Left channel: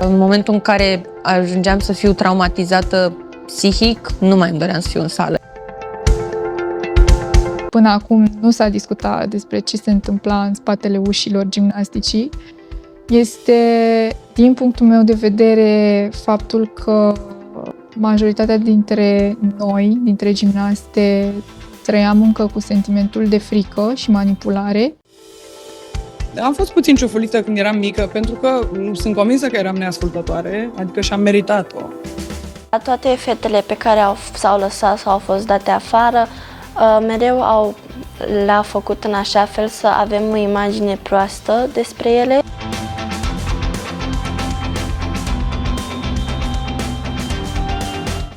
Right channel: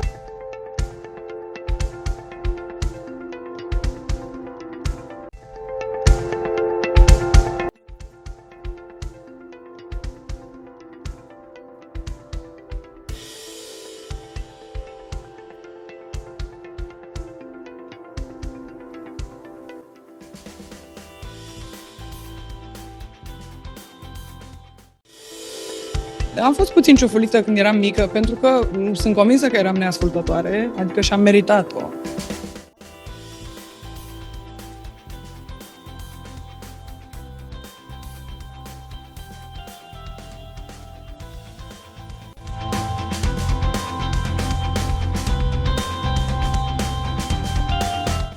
În momentul în care ajungeam să fiu traumatizată psihic, nu mai îmi doream să fiu în sală. Până acum nu s-a discutat despre ce se întâmpla în spatele ușilor gimnasticii. Este, din punctul meu de vedere, faptul că majoritatea dintre noi, dintre gimnaste, trăiam încă cu sentimentul de frică și manipulare. Am fost puțin ciufulită când eram mică, pentru că sunt convinsă că eram neascultătoare, adică și-am meritat-o. Toate fetele pe care s-au lăsat sau au fost date afară, mereu le-a făcut în așa fel să avem o imagine proastă despre ele.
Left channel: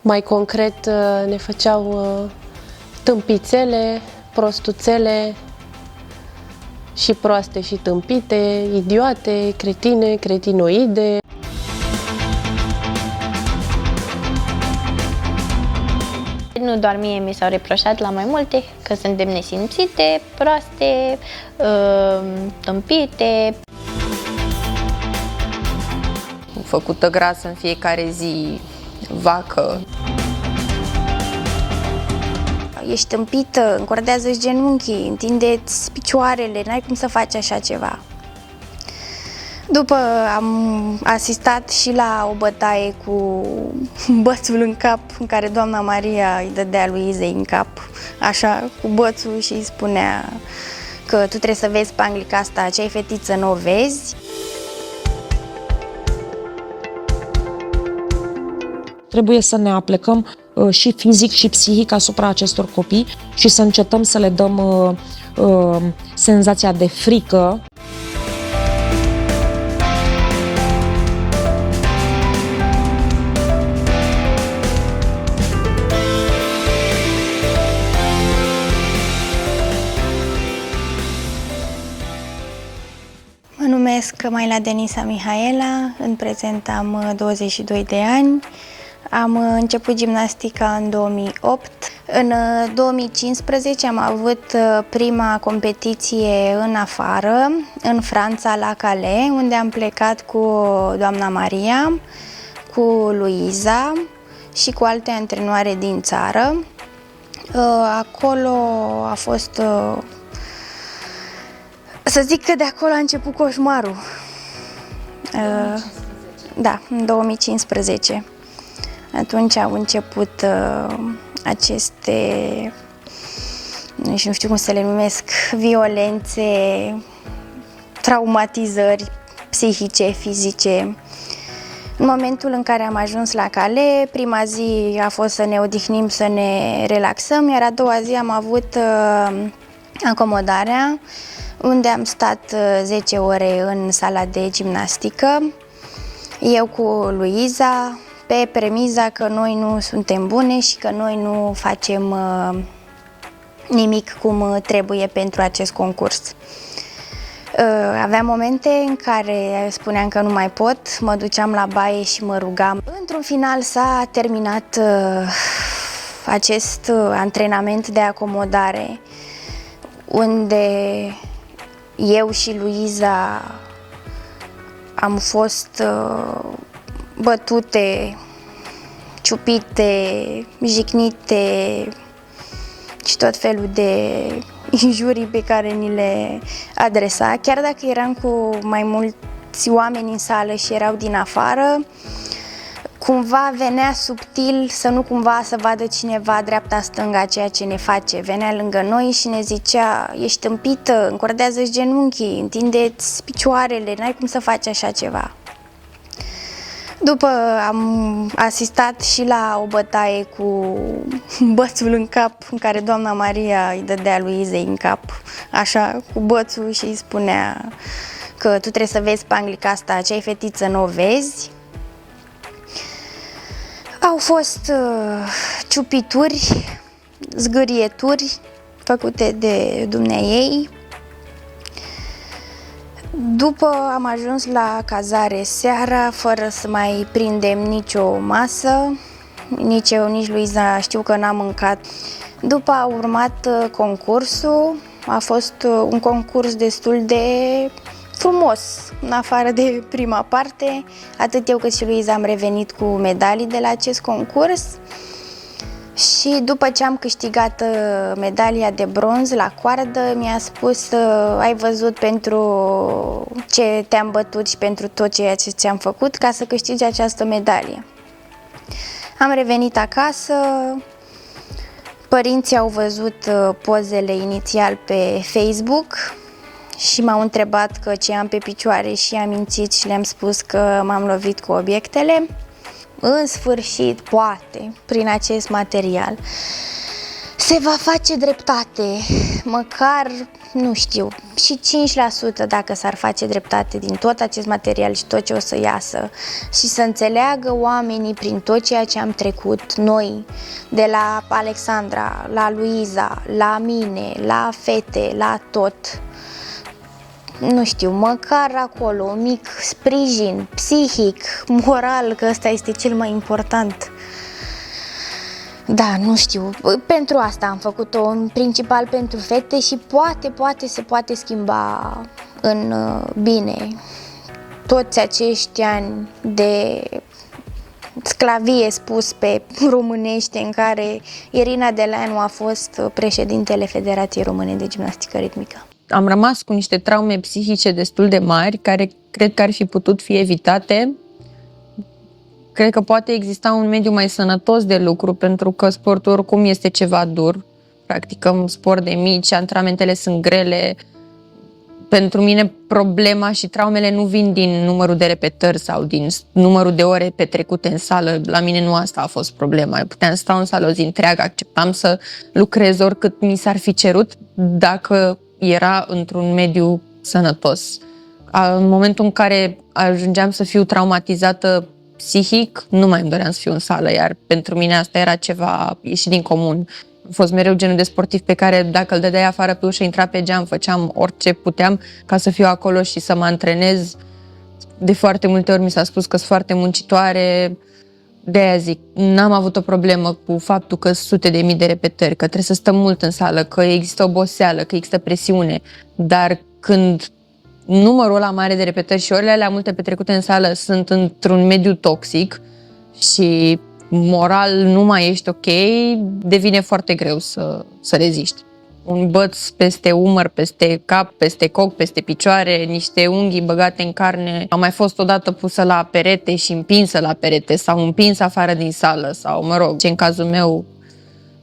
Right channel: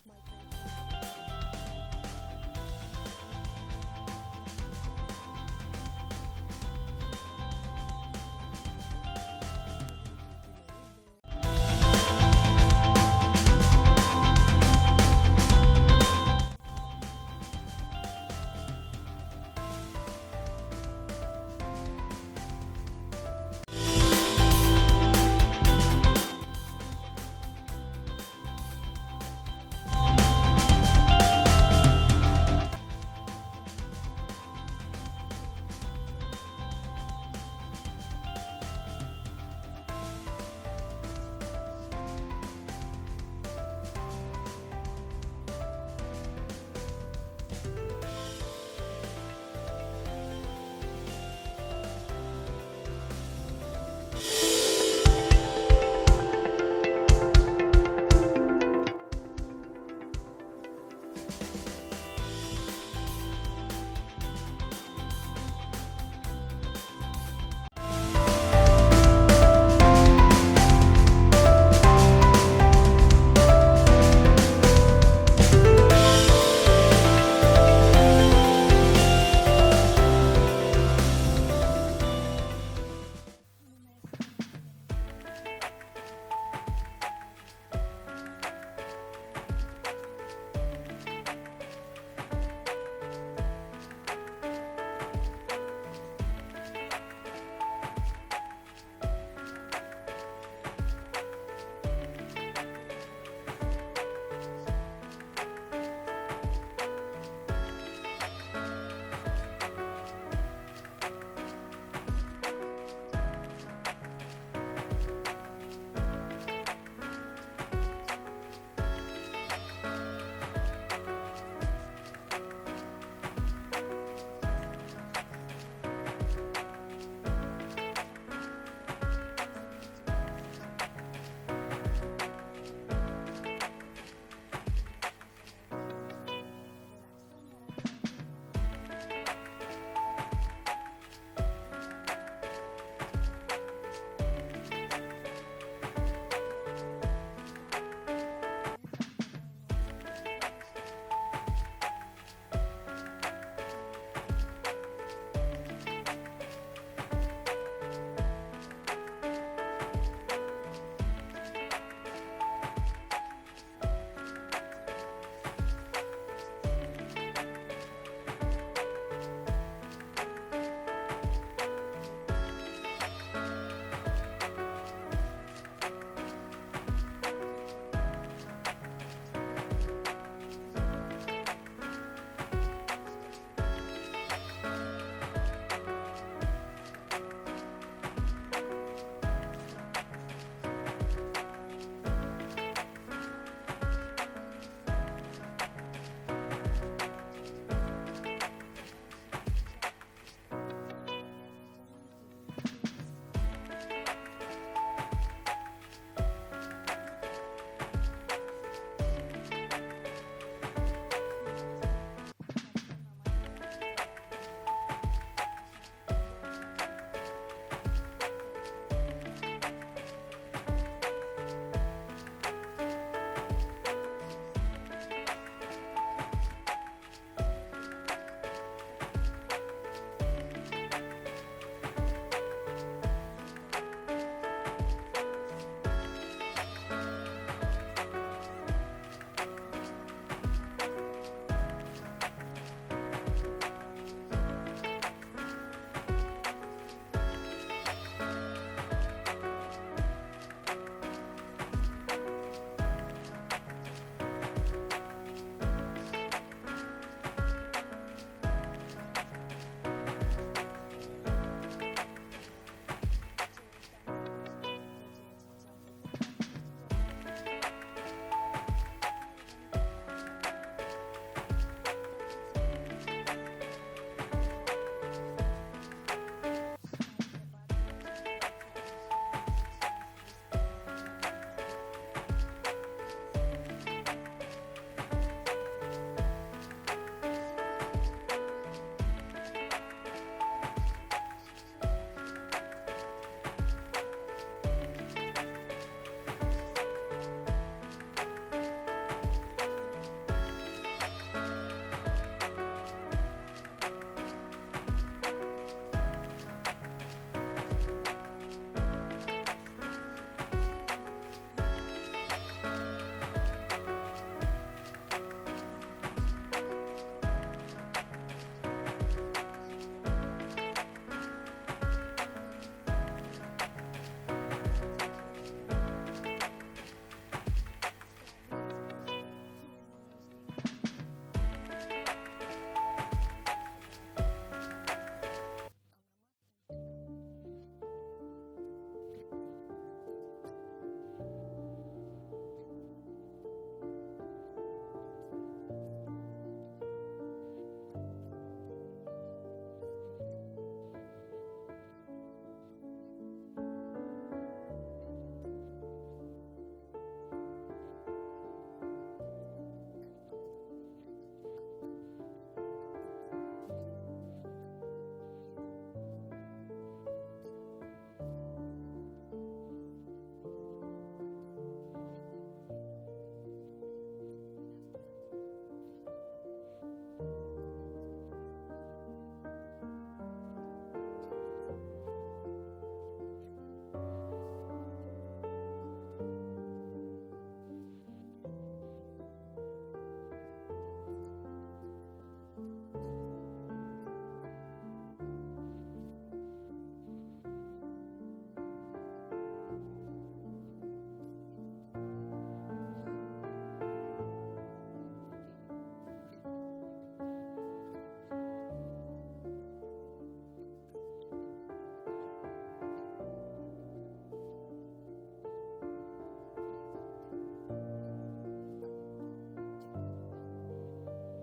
Mai concret, ne făceau tâmpițele, prostuțele și proaste și tâmpite, idiote, cretine, cretinoide. Nu doar mie mi s-au reproșat la mai multe, că suntem nesimțite, proaste, tâmpite. Făcută grasă în fiecare zi, vacă. Ești tâmpită, încordează-ți genunchii, întinde-ți picioarele, n-ai cum să faci așa ceva. După am asistat și la o bătaie cu bățul în cap, în care doamna Maria îi dădea lui Izei în cap, așa, cu bățul și îi spunea că tu trebuie să vezi panglica asta, ce ai fetiță, n-o vezi. Trebuie să ne aplecăm și fizic și psihic asupra acestor copii și să încetăm să le dăm senzația de frică. Mă numesc Maila Denisa Mihaela, în prezent am 22 de ani. Am început gimnastica în 2008. În 2015 am avut prima competiție în afară, în Franța, la Calais, unde am plecat cu doamna Maria, cu Luiza și cu alte antrenoare din țară. Acolo a fost... Să zic că de acolo a început coșmarul. Da, în 2015. Atunci au început aceste, nu știu cum să le numesc, violențe, traumatizări psihice, fizice. În momentul în care am ajuns la Calais, prima zi a fost să ne odihnim, să ne relaxăm, iar a doua zi am avut acomodarea, unde am stat 10 ore în sala de gimnastică, eu cu Luiza, pe premiza că noi nu suntem bune și că noi nu facem nimic cum trebuie pentru acest concurs. Aveam momente în care spuneam că nu mai pot, mă duceam la baie și mă rugam. Într-un final s-a terminat acest antrenament de acomodare, unde eu și Luiza am fost bătute, ciupite, jignite și tot felul de injurii pe care ni le adresa. Chiar dacă eram cu mai mulți oameni în sală și erau din afară, cumva venea subtil să nu cumva să vadă cineva dreapta-stânga ceea ce ne face. Venea lângă noi și ne zicea: ești tâmpită, încordează-ți genunchii, întinde-ți picioarele, n-ai cum să faci așa ceva. După am asistat și la o bătaie cu bățul în cap, în care doamna Maria îi dădea lui Izei în cap, așa, cu bățul și îi spunea că tu trebuie să vezi panglica asta, ce ai fetiță, n-o vezi. Au fost ciupituri, zgârieturi făcute de dumneaei. După am ajuns la cazare seara, fără să mai prindem nicio masă, nici eu, nici Luiza știu că n-am mâncat. După a urmat concursul, a fost un concurs destul de frumos, în afară de prima parte. Atât eu cât și Luiza am revenit cu medalii de la acest concurs. Și după ce am câștigat medalia de bronz la coardă, mi-a spus: ai văzut pentru ce te-am bătut și pentru tot ceea ce ți-am făcut ca să câștigi această medalie. Am revenit acasă, părinții au văzut pozele inițial pe Facebook și m-au întrebat că ce am pe picioare și am mințit și le-am spus că m-am lovit cu obiectele. În sfârșit, poate, prin acest material, se va face dreptate, măcar, nu știu, și 5% dacă s-ar face dreptate din tot acest material și tot ce o să iasă și să înțeleagă oamenii prin tot ceea ce am trecut noi, de la Alexandra, la Luiza, la mine, la fete, la tot. Nu știu, măcar acolo, un mic sprijin psihic, moral, că ăsta este cel mai important. Da, nu știu, pentru asta am făcut-o, în principal pentru fete și poate se poate schimba în bine toți acești ani de sclavie, spus pe românește, în care Irina Deleanu a fost președintele Federației Române de Gimnastică Ritmică. Am rămas cu niște traume psihice destul de mari, care cred că ar fi putut fi evitate. Cred că poate exista un mediu mai sănătos de lucru, pentru că sportul oricum este ceva dur. Practicăm sport de mici, antrenamentele sunt grele. Pentru mine problema și traumele nu vin din numărul de repetări sau din numărul de ore petrecute în sală. La mine nu asta a fost problema. Eu puteam sta în sală o zi întreagă, acceptam să lucrez oricât mi s-ar fi cerut dacă era într-un mediu sănătos. În momentul în care ajungeam să fiu traumatizată psihic, nu mai îmi doream să fiu în sală, iar pentru mine asta era ceva ieșit din comun. Am fost mereu genul de sportiv pe care dacă îl dădeai afară pe ușă, intra pe geam, făceam orice puteam ca să fiu acolo și să mă antrenez. De foarte multe ori mi s-a spus că sunt foarte muncitoare, de-aia zic, n-am avut o problemă cu faptul că sute de mii de repetări, că trebuie să stăm mult în sală, că există oboseală, că există presiune, dar când numărul ăla mare de repetări și orele alea multe petrecute în sală sunt într-un mediu toxic și moral nu mai ești ok, devine foarte greu să reziști. Un băț peste umăr, peste cap, peste coc, peste picioare, niște unghii băgate în carne. Am mai fost odată pusă la perete și împinsă la perete sau împinsă afară din sală sau, mă rog, ce în cazul meu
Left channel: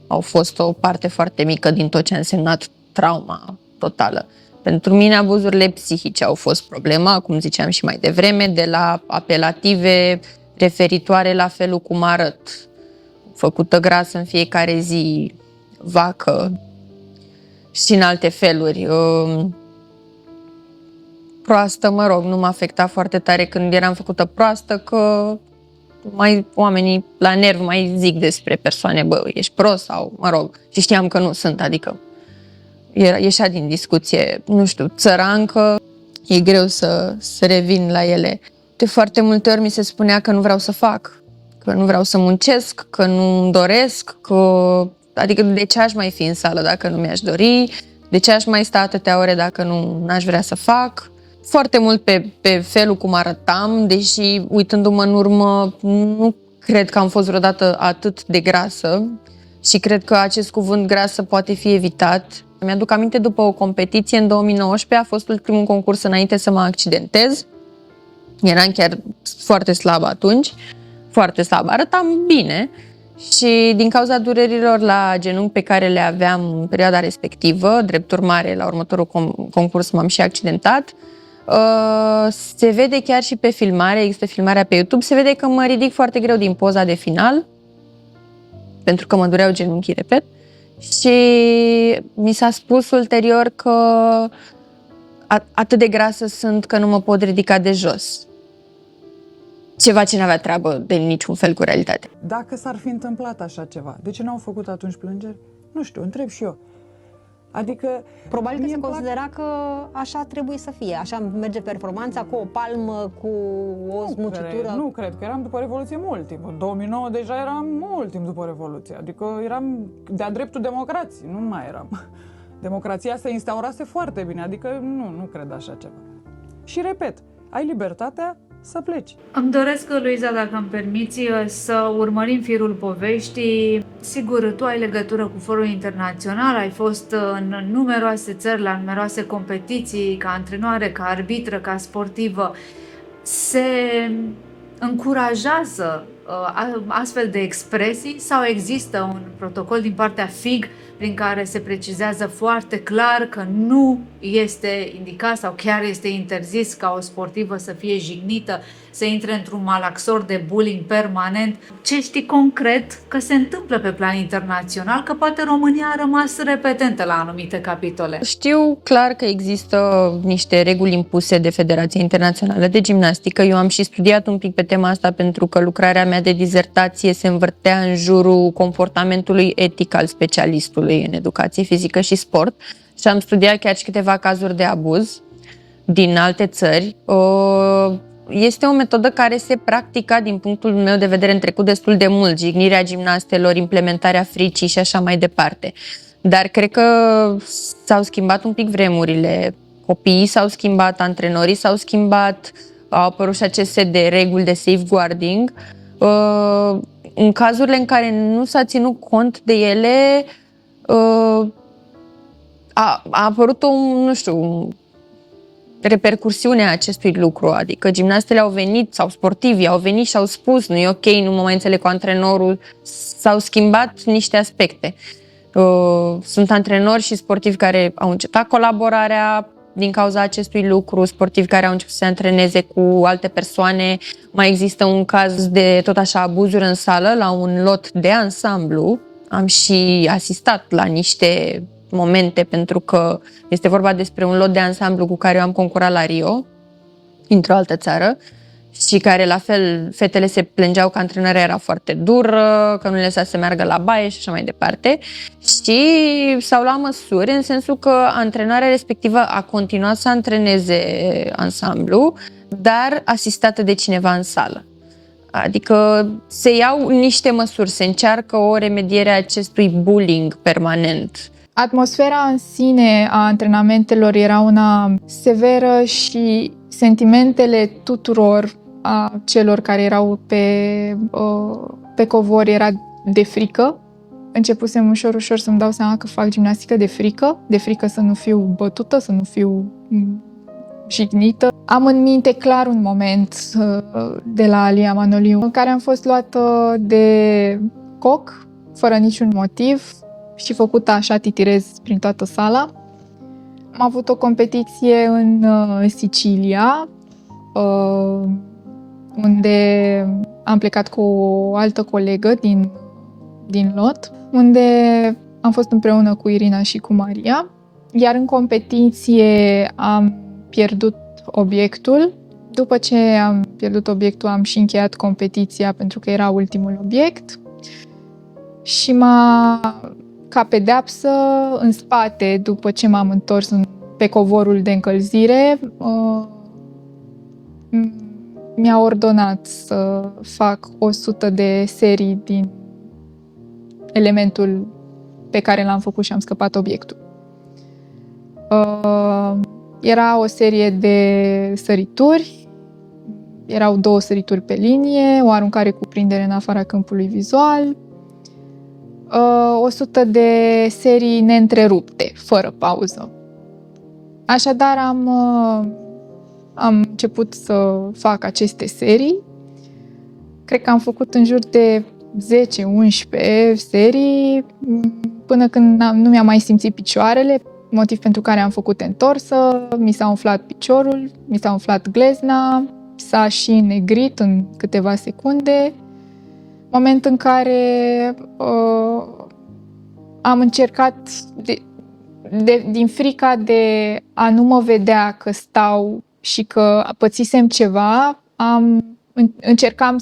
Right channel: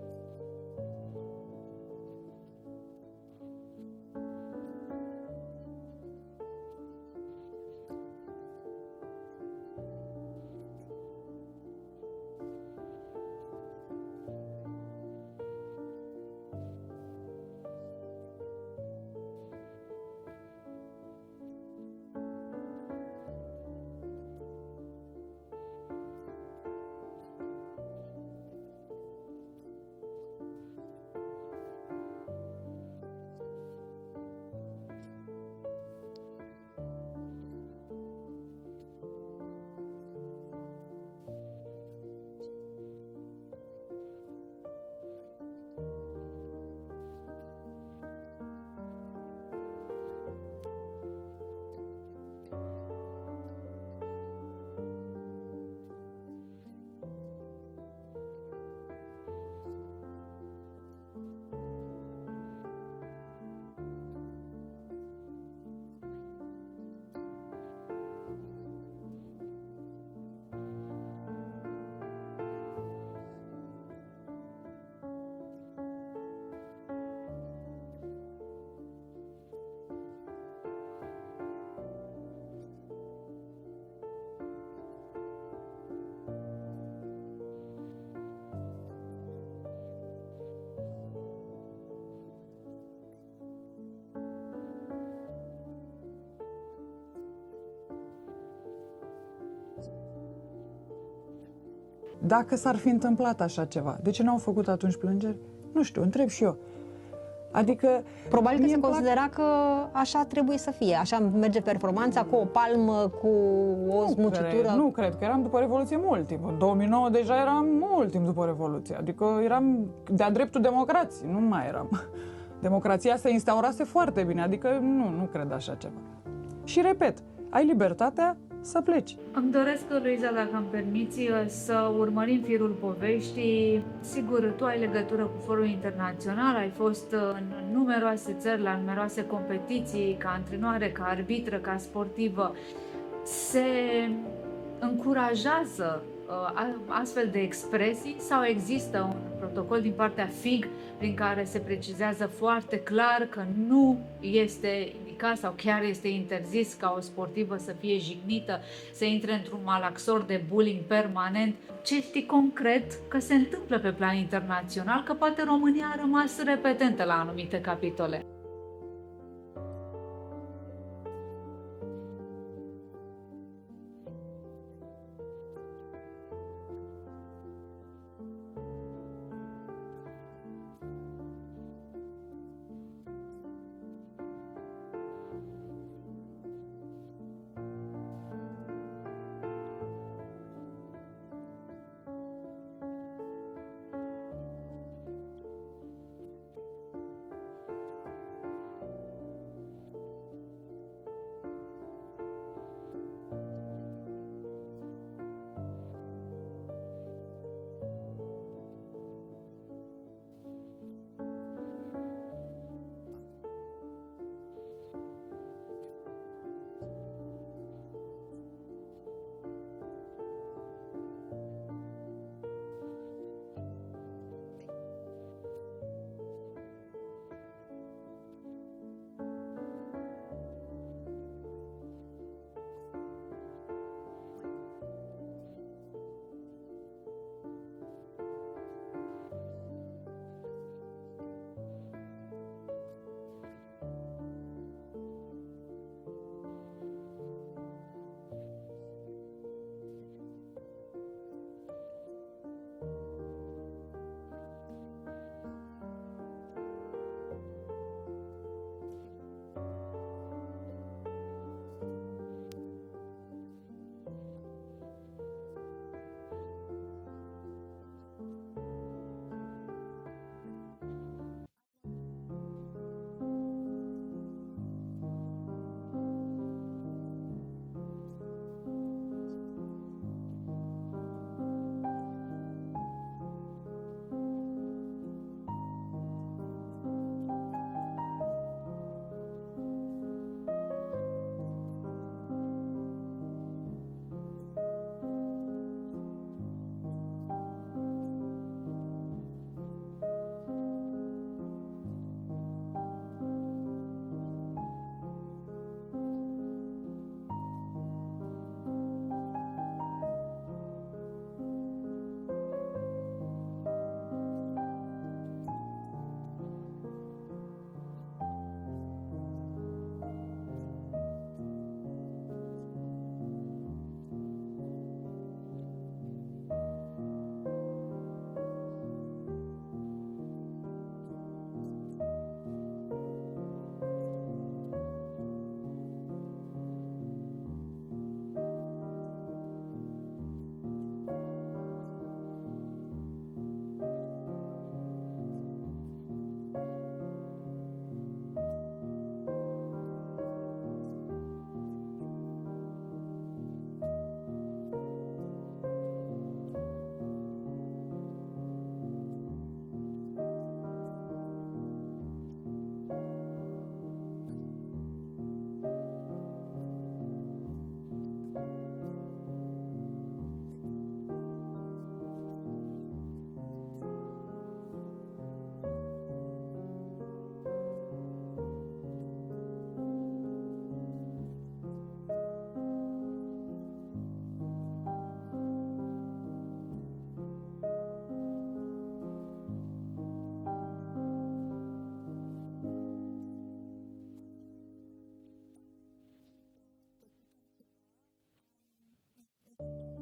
au fost o parte foarte mică din tot ce a însemnat trauma totală. Pentru mine abuzurile psihice au fost problema, cum ziceam și mai devreme, de la apelative referitoare la felul cum arăt, făcută grasă în fiecare zi, vacă și în alte feluri. Proastă, mă rog, nu m-a afectat foarte tare când eram făcută proastă, că oamenii la nerv mai zic despre persoane, bă, ești prost sau, mă rog, și știam că nu sunt, adică ieșea din discuție, nu știu, țărancă, e greu să revin la ele. De foarte multe ori mi se spunea că nu vreau să fac, că nu vreau să muncesc, că nu-mi doresc, adică de ce aș mai fi în sală dacă nu mi-aș dori, de ce aș mai sta atâtea ore dacă nu aș vrea să fac. Foarte mult pe felul cum arătam, deși uitându-mă în urmă, nu cred că am fost vreodată atât de grasă și cred că acest cuvânt grasă poate fi evitat. Mi-aduc aminte, după o competiție în 2019, a fost ultimul concurs înainte să mă accidentez. Eram chiar foarte slabă atunci, foarte slabă. Arătam bine și din cauza durerilor la genunchi pe care le aveam în perioada respectivă, drept urmare, la următorul concurs m-am și accidentat. Se vede chiar și pe filmare, există filmarea pe YouTube, se vede că mă ridic foarte greu din poza de final, pentru că mă dureau genunchii, repet. Și mi s-a spus ulterior că atât de grasă sunt că nu mă pot ridica de jos. Ceva ce n-avea treabă de niciun fel cu realitatea. Dacă s-ar fi întâmplat așa ceva, de ce n-au făcut atunci plângeri? Nu știu, întreb și eu. Adică... Probabil că se considera că așa trebuie să fie, așa merge performanța, cu o palmă, cu o smucitură. Nu cred, că eram după Revoluție mult timp. În 2009 deja eram mult timp după Revoluție, adică eram de-a dreptul democrației, nu mai eram. Democrația se instaurase foarte bine, adică nu cred așa ceva. și repet, ai libertatea să pleci. Îmi doresc, Luiza, dacă îmi permiți, să urmărim firul poveștii. Sigur, tu ai legătură cu forul internațional, ai fost în numeroase țări, la numeroase competiții, ca antrenoare, ca arbitră, ca sportivă. Se încurajează astfel de expresii sau există un protocol din partea FIG prin care se precizează foarte clar că nu este indicat sau chiar este interzis ca o sportivă să fie jignită, să intre într-un malaxor de bullying permanent? Ce știi concret că se întâmplă pe plan internațional, că poate România a rămas repetentă la anumite capitole? Știu clar că există niște reguli impuse de Federația Internațională de Gimnastică. Eu am și studiat un pic pe tema asta pentru că lucrarea mea de dizertație se învârtea în jurul comportamentului etic al specialistului în educație fizică și sport și am studiat chiar și câteva cazuri de abuz din alte țări. Este o metodă care se practica, din punctul meu de vedere, în trecut destul de mult, jignirea gimnastelor, implementarea fricii și așa mai departe. Dar cred că s-au schimbat un pic vremurile, copiii s-au schimbat, antrenorii s-au schimbat, au apărut și acest set de reguli de safeguarding. În cazurile în care nu s-a ținut cont de ele, a apărut o repercursiune a acestui lucru, adică gimnastele au venit sau sportivii au venit și au spus nu e ok, nu mă mai înțeleg cu antrenorul, s-au schimbat niște aspecte. Sunt antrenori și sportivi care au încetat colaborarea din cauza acestui lucru, sportivi care au început să se antreneze cu alte persoane. Mai există un caz de tot așa abuzuri în sală la un lot de ansamblu. Am și asistat la niște momente pentru că este vorba despre un lot de ansamblu cu care eu am concurat la Rio, într-o altă țară, și care la fel fetele se plângeau că antrenarea era foarte dură, că nu le lăsa să meargă la baie și așa mai departe. Și s-au luat măsuri în sensul că antrenarea respectivă a continuat să antreneze ansamblu, dar asistată de cineva în sală. Adică se iau niște măsuri, se încearcă o remediere a acestui bullying permanent. Atmosfera în sine a antrenamentelor era una severă și sentimentele tuturor a celor care erau pe covor era de frică. Începusem ușor să-mi dau seama că fac gimnastică de frică să nu fiu bătută, să nu fiu jignită. Am în minte clar un moment de la Alia Manoliu în care am fost luată de coc, fără niciun motiv, și făcută așa titirez prin toată sala. Am avut o competiție în Sicilia, unde am plecat cu o altă colegă din lot, unde am fost împreună cu Irina și cu Maria, iar în competiție am pierdut obiectul. După ce am pierdut obiectul, am și încheiat competiția pentru că era ultimul obiect și ca pedeapsă, în spate, după ce m-am întors pe covorul de încălzire, mi-a ordonat să fac 100 de serii din elementul pe care l-am făcut și am scăpat obiectul. Era o serie de sărituri, erau 2 sărituri pe linie, o aruncare cu prindere în afara câmpului vizual, 100 de serii neîntrerupte, fără pauză. Așadar am început să fac aceste serii. Cred că am făcut în jur de 10-11 serii până când nu mi-am mai simțit picioarele, motiv pentru care am făcut întorsă, mi s-a umflat piciorul, mi s-a umflat glezna, s-a și înnegrit în câteva secunde, moment în care am încercat, din frica de a nu mă vedea că stau și că pățisem ceva, încercam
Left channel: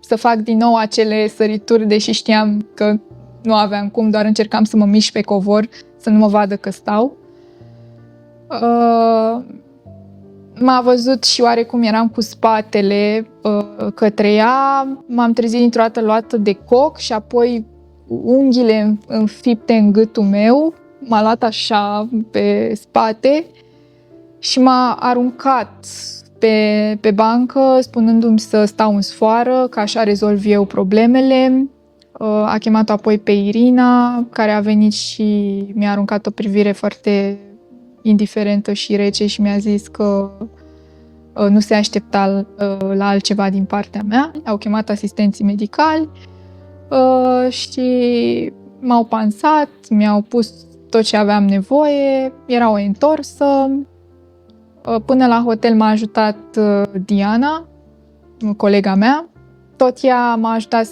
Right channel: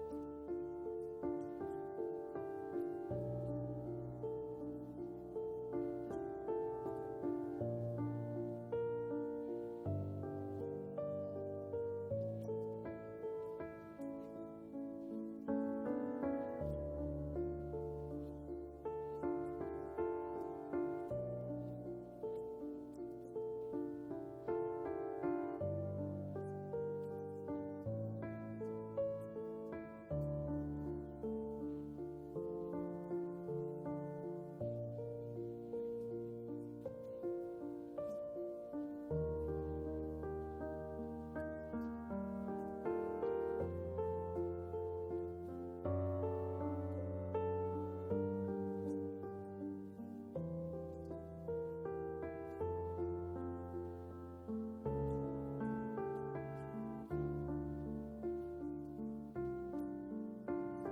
să fac din nou acele sărituri, deși știam că nu aveam cum, doar încercam să mă mișc pe covor, să nu mă vadă că stau. M-a văzut și oarecum eram cu spatele către ea, m-am trezit dintr-o dată luată de coc și apoi unghiile înfipte în gâtul meu, m-a luat așa pe spate și m-a aruncat pe bancă, spunându-mi să stau în sfoară, că așa rezolv eu problemele. A chemat apoi pe Irina, care a venit și mi-a aruncat o privire foarte indiferentă și rece și mi-a zis că nu se aștepta la altceva din partea mea. Au chemat asistenții medicali și m-au pansat, mi-au pus tot ce aveam nevoie, era o întorsă. Până la hotel m-a ajutat Diana, colega mea. Tot ea m-a ajutat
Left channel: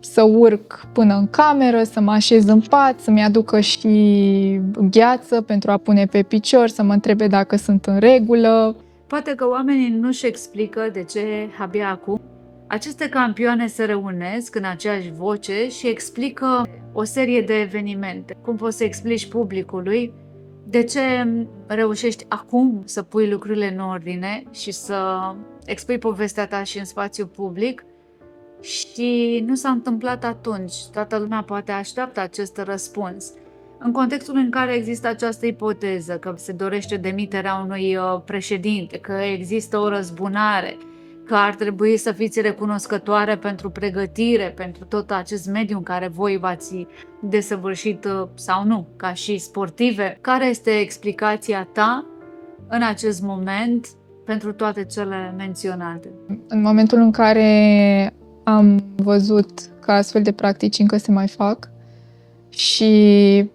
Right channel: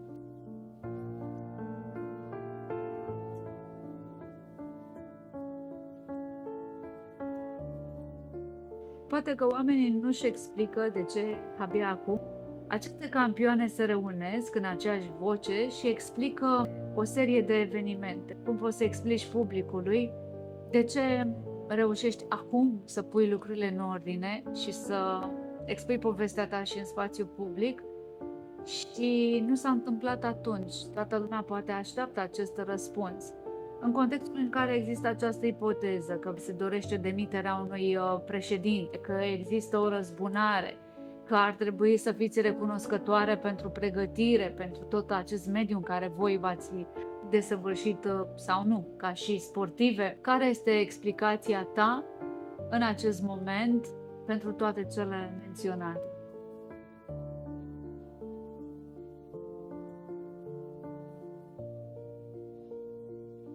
să urc până în cameră, să mă așez în pat, să-mi aducă și gheață pentru a pune pe picior, să mă întrebe dacă sunt în regulă. Poate că oamenii nu-și explică de ce abia acum aceste campioane se reunesc în aceeași voce și explică o serie de evenimente. Cum poți să explici publicului de ce reușești acum să pui lucrurile în ordine și să expui povestea ta și în spațiu public și nu s-a întâmplat atunci. Toată lumea poate așteaptă acest răspuns. În contextul în care există această ipoteză că se dorește demiterea unui președinte, că există o răzbunare, că ar trebui să fiți recunoscătoare pentru pregătire, pentru tot acest mediu în care voi v-ați desăvârșit sau nu, ca și sportive. Care este explicația ta în acest moment pentru toate cele menționate? În momentul în care am văzut că astfel de practici încă se mai fac și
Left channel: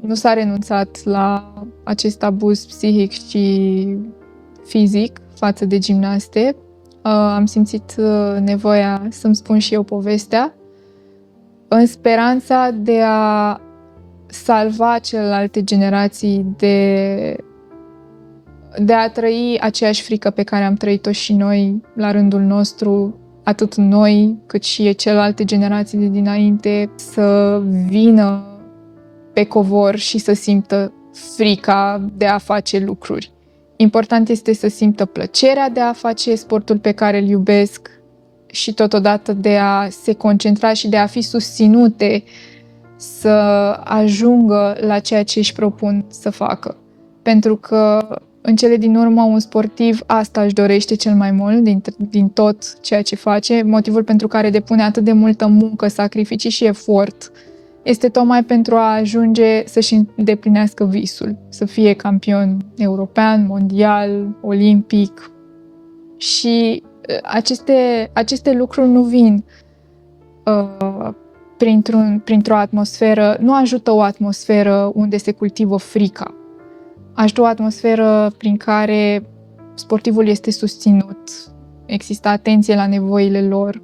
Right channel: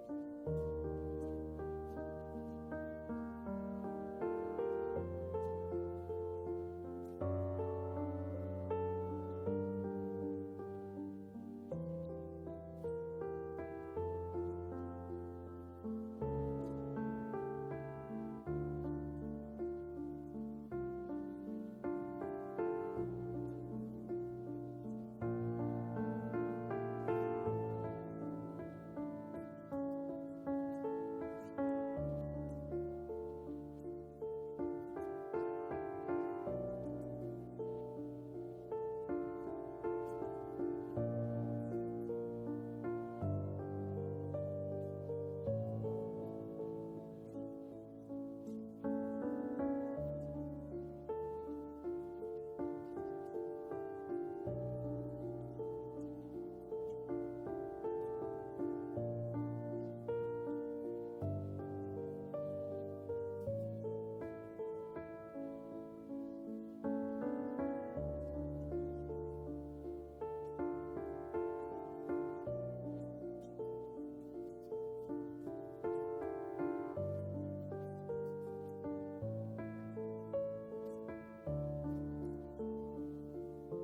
nu s-a renunțat la acest abuz psihic și fizic față de gimnaste, am simțit nevoia să-mi spun și eu povestea, în speranța de a salva celelalte generații de a trăi aceeași frică pe care am trăit-o și noi la rândul nostru, atât noi cât și celelalte generații de dinainte, să vină pe covor și să simtă frica de a face lucruri. Important este să simtă plăcerea de a face sportul pe care îl iubesc și totodată de a se concentra și de a fi susținute să ajungă la ceea ce își propun să facă. Pentru că în cele din urmă un sportiv asta își dorește cel mai mult din tot ceea ce face, motivul pentru care depune atât de multă muncă, sacrificii și efort este tocmai pentru a ajunge să-și îndeplinească visul, să fie campion european, mondial, olimpic. Și aceste lucruri nu vin printr-o atmosferă, nu ajută o atmosferă unde se cultivă frica. Ajută o atmosferă prin care sportivul este susținut, există atenție la nevoile lor,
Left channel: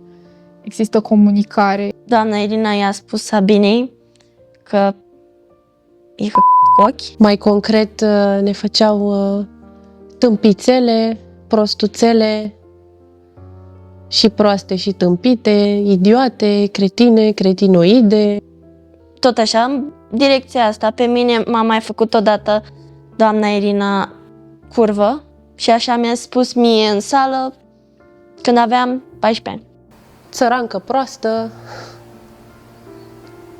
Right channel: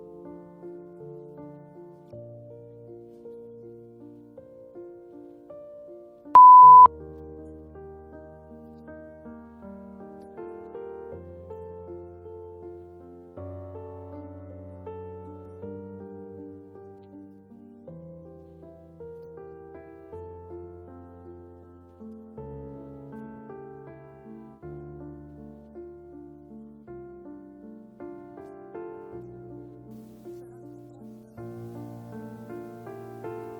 există comunicare. Doamna Irina i-a spus Sabinei că e cu ochi. Mai concret, ne făceau tâmpițele, prostuțele și proaste și tâmpite, idiote, cretine, cretinoide. Tot așa, în direcția asta, pe mine m-a mai făcut odată doamna Irina curvă și așa mi-a spus mie în sală când aveam 14 ani. Țărancă proastă,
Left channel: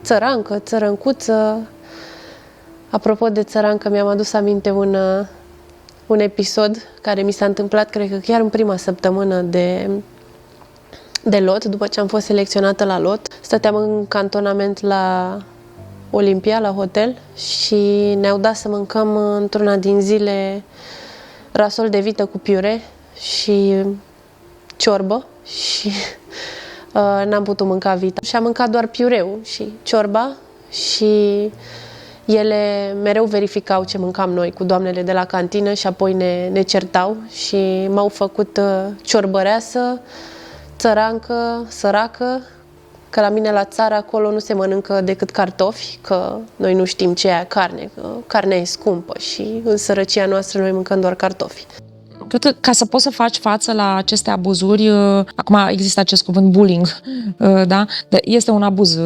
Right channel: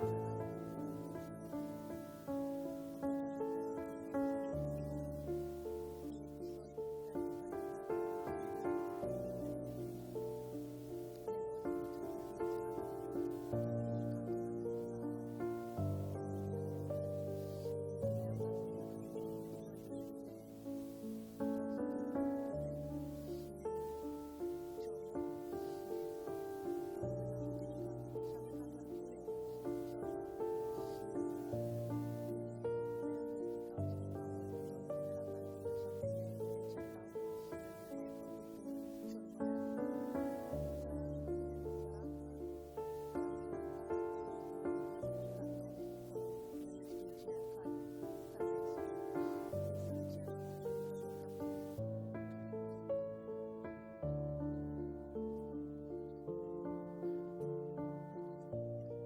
țărancă, țărâncuță. Apropo de țărancă, mi-am adus aminte un episod care mi s-a întâmplat, cred că chiar în prima săptămână de lot, după ce am fost selecționată la lot. Stăteam în cantonament la Olimpia, la hotel, și ne-au dat să mâncăm într-una din zile rasol de vită cu piure și ciorbă și n-am putut mânca vita. Și am mâncat doar piureu și ciorba și ele mereu verificau ce mâncam noi cu doamnele de la cantină și apoi ne certau și m-au făcut ciorbăreasă, țărancă, săracă, că la mine la țară acolo nu se mănâncă decât cartofi, că noi nu știm ce e carne, că carnea e scumpă și în sărăcia noastră noi mâncăm doar cartofi. Cred că ca să poți să faci față la aceste abuzuri, acum există acest cuvânt bullying, da? Este un abuz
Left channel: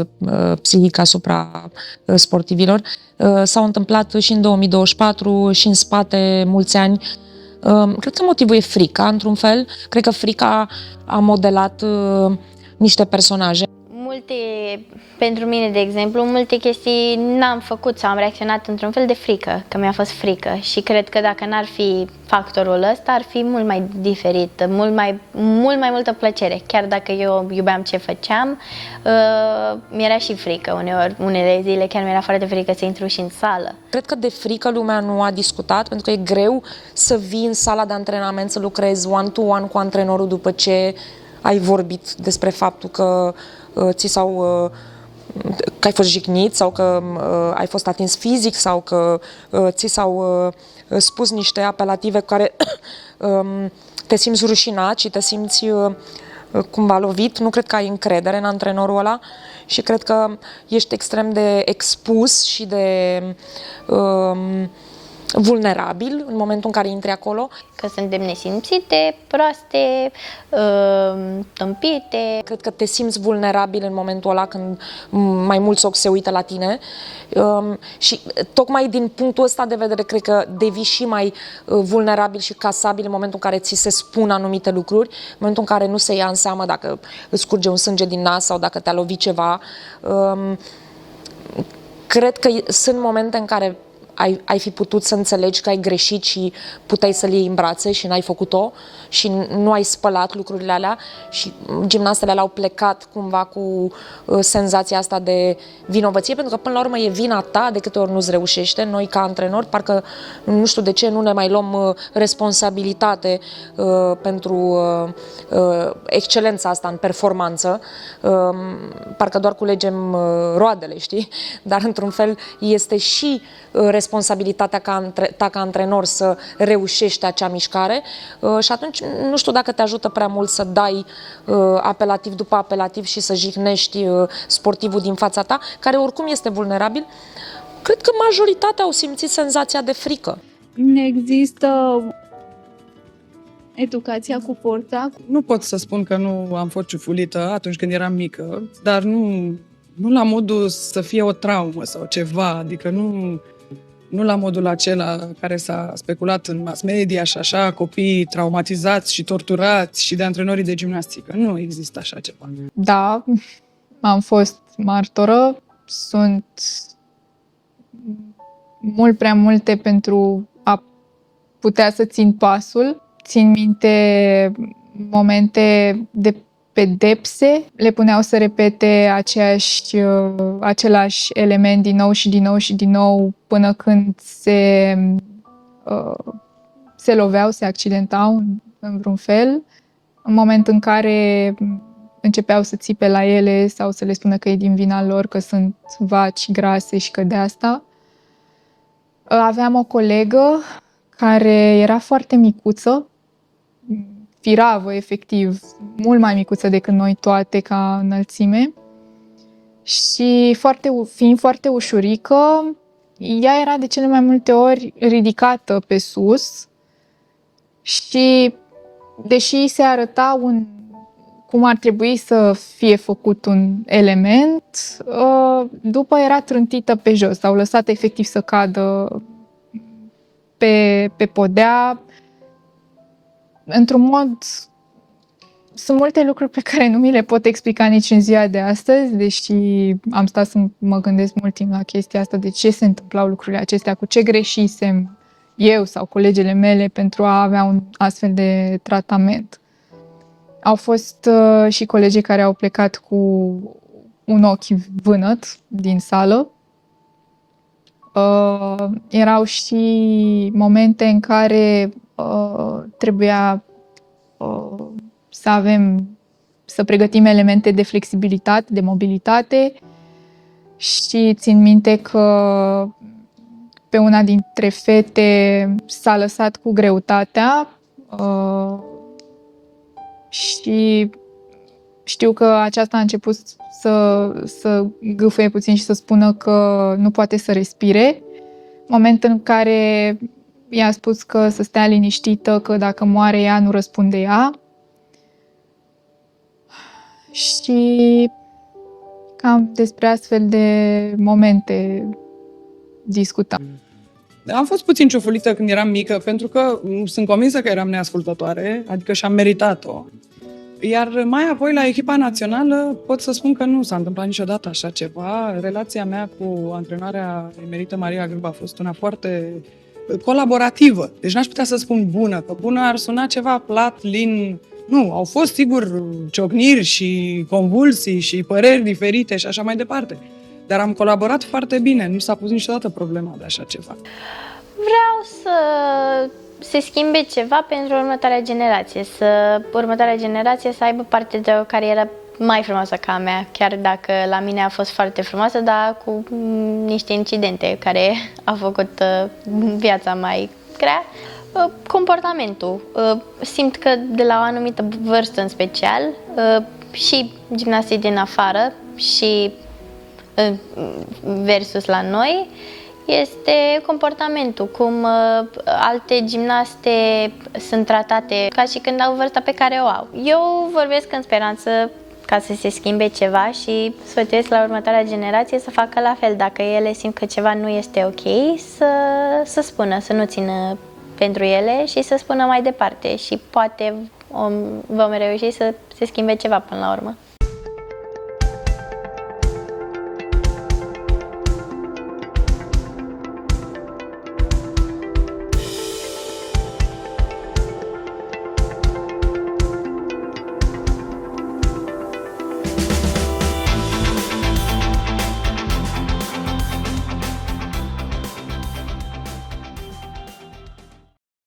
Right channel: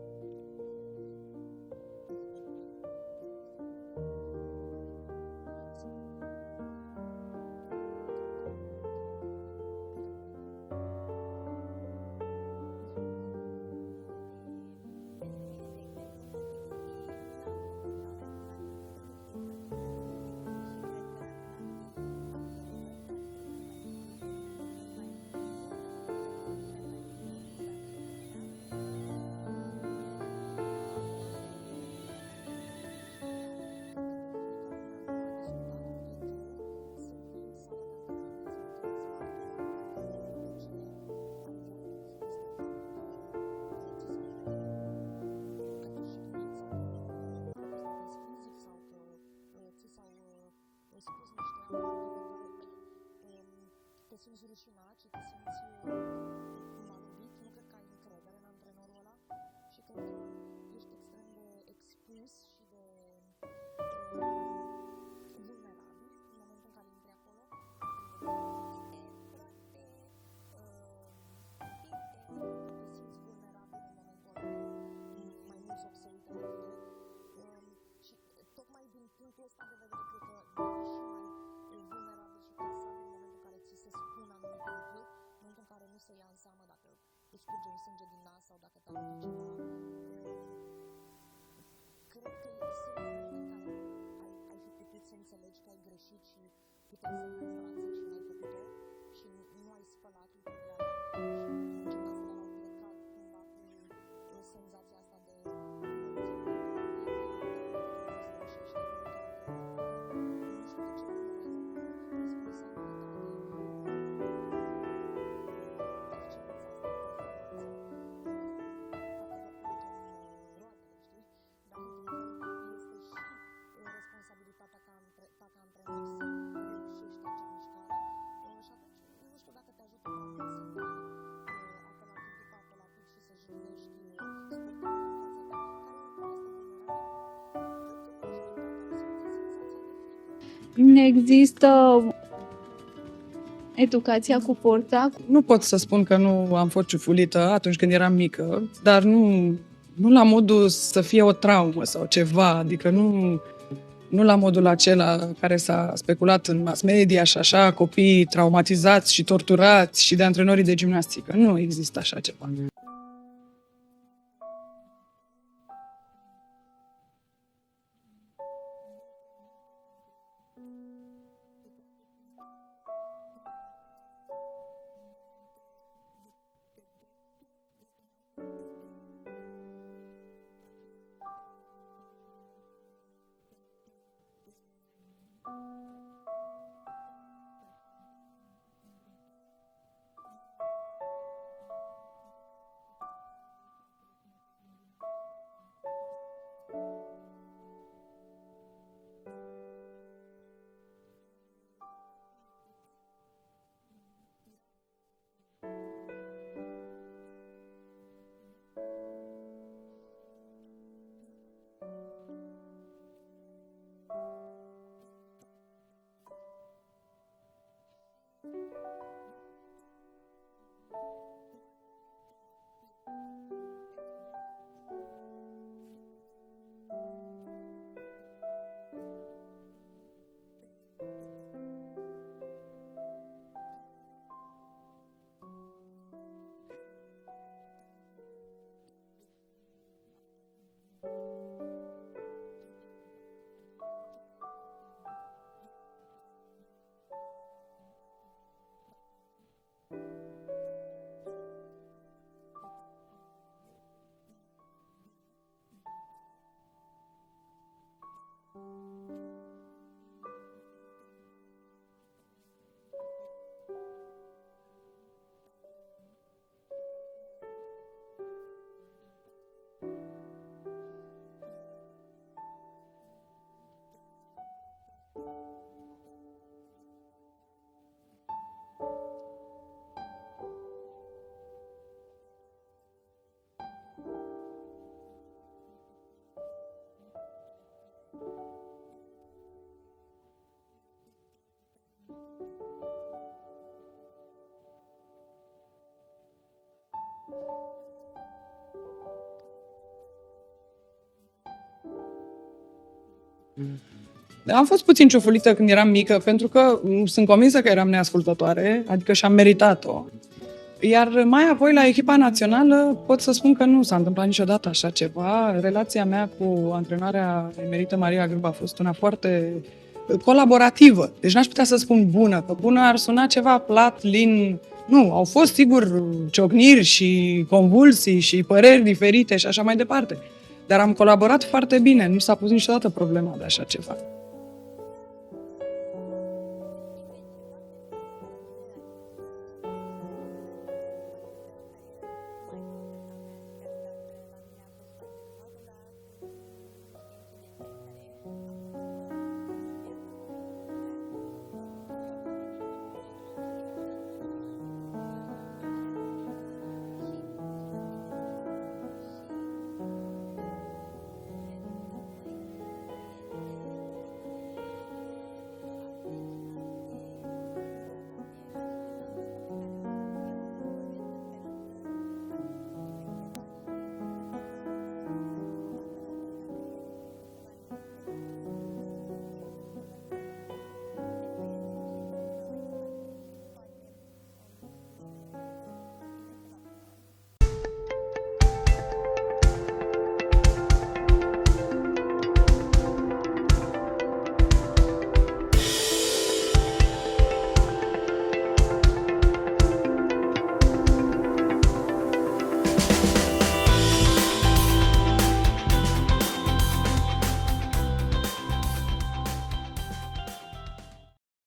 psihic asupra sportivilor. S-au întâmplat și în 2024 și în spate mulți ani. Cred că motivul e frica, într-un fel. Cred că frica a modelat niște personaje. Multe Pentru mine, de exemplu, multe chestii n-am făcut sau am reacționat într-un fel de frică, că mi-a fost frică și cred că dacă n-ar fi factorul ăsta, ar fi mult mai diferit, mult mai multă plăcere. Chiar dacă eu iubeam ce făceam, mi-era și frică uneori, unele zile chiar mi-era foarte frică să intru și în sală. Cred că de frică lumea nu a discutat, pentru că e greu să vii în sala de antrenament, să lucrezi one-to-one cu antrenorul după ce ai vorbit despre faptul că că ai fost jignit sau că ai fost atins fizic sau că ți s-au spus niște apelative cu care te simți rușinat și te simți cumva lovit. Nu cred că ai încredere în antrenorul ăla și cred că ești extrem de expus și de vulnerabil în momentul în care intri acolo. Că suntem nesimțite, proaste, tâmpite. Cred că te simți vulnerabil în momentul ăla când mai mulți ochi se uită la tine și tocmai din punctul ăsta de vedere cred că devii și mai vulnerabil și casabil în momentul în care ți se spun anumite lucruri, în momentul în care nu se ia în seamă dacă îți curge un sânge din nas sau dacă te-a lovit ceva. Cred că sunt momente în care ai fi putut să înțelegi că ai greșit și puteai să-l iei în brațe și n-ai făcut-o și nu ai spălat lucrurile alea și gimnastele alea au plecat cumva cu senzația asta de vinovăție, pentru că până la urmă e vina ta de câte ori nu-ți reușește. Noi ca antrenori parcă nu știu de ce nu ne mai luăm responsabilitate pentru excelența asta în performanță, parcă doar culegem roadele, știi? Dar într-un fel este și responsabilitatea ta ca antrenor să reușești acea mișcare și atunci nu știu dacă te ajută prea mult să dai apelativ după apelativ și să jignești sportivul din fața ta, care oricum este vulnerabil. Cred că majoritatea au simțit senzația de frică. Există educația cu forța. Nu pot să spun că nu am fost ciufulită atunci când eram mică, dar nu la modul să fie o traumă sau ceva, adică nu la modul acela care s-a speculat în mass media și așa, copii traumatizați și torturați și de antrenorii de gimnastică. Nu există așa ceva. Da, am fost martoră, sunt mult prea multe pentru a putea să țin pasul. Țin minte momente de pedepse, le puneau să repete același element din nou și din nou și din nou până când se loveau, se accidentau în vreun fel. În moment în care începeau să țipe la ele sau să le spună că e din vina lor, că sunt vaci grase și că de asta. Aveam o colegă care era foarte micuță, firavă, efectiv, mult mai micuță decât noi toate ca înălțime și fiind foarte ușurică, ea era de cele mai multe ori ridicată pe sus și deși se arăta cum ar trebui să fie făcut un element, după era trântită pe jos, s-au lăsat efectiv să cadă pe podea. Într-un mod, sunt multe lucruri pe care nu mi le pot explica nici în ziua de astăzi, deși am stat să mă gândesc mult timp la chestia asta, de ce se întâmplau lucrurile acestea, cu ce greșisem eu sau colegele mele pentru a avea un astfel de tratament. Au fost și colegii care au plecat cu un ochi vânăt din sală. Erau și momente în care trebuia să pregătim elemente de flexibilitate, de mobilitate și țin minte că pe una dintre fete s-a lăsat cu greutatea și știu că aceasta a început să gâfâie puțin și să spună că nu poate să respire. Moment în care i-a spus că să stea liniștită, că dacă moare ea, nu răspunde ea. Și cam despre astfel de momente discutam. Am fost puțin ciufulită când eram mică, pentru că sunt convinsă că eram neascultătoare, adică și-am meritat-o. Iar mai apoi, la echipa națională, pot să spun că nu s-a întâmplat niciodată așa ceva. Relația mea cu antrenoarea emerită Maria Grâba a fost una foarte colaborativă. Deci n-aș putea să spun bună, că bună ar suna ceva plat, lin. Nu, au fost, sigur, ciocniri și convulsii și păreri diferite și așa mai departe. Dar am colaborat foarte bine, nu s-a pus niciodată problema de așa ceva. Vreau să se schimbe ceva pentru următoarea generație, următoarea generație să aibă parte de o carieră mai frumoasă ca a mea, chiar dacă la mine a fost foarte frumoasă, dar cu niște incidente care au făcut viața mai grea. Comportamentul. Simt că de la o anumită vârstă în special, și gimnastii din afară și versus la noi, este comportamentul, cum alte gimnaste sunt tratate ca și când au vârsta pe care o au. Eu vorbesc în speranță ca să se schimbe ceva și sfătuiesc la următoarea generație să facă la fel. Dacă ele simt că ceva nu este ok, să spună, să nu țină pentru ele și să spună mai departe și poate vom reuși să se schimbe ceva până la urmă.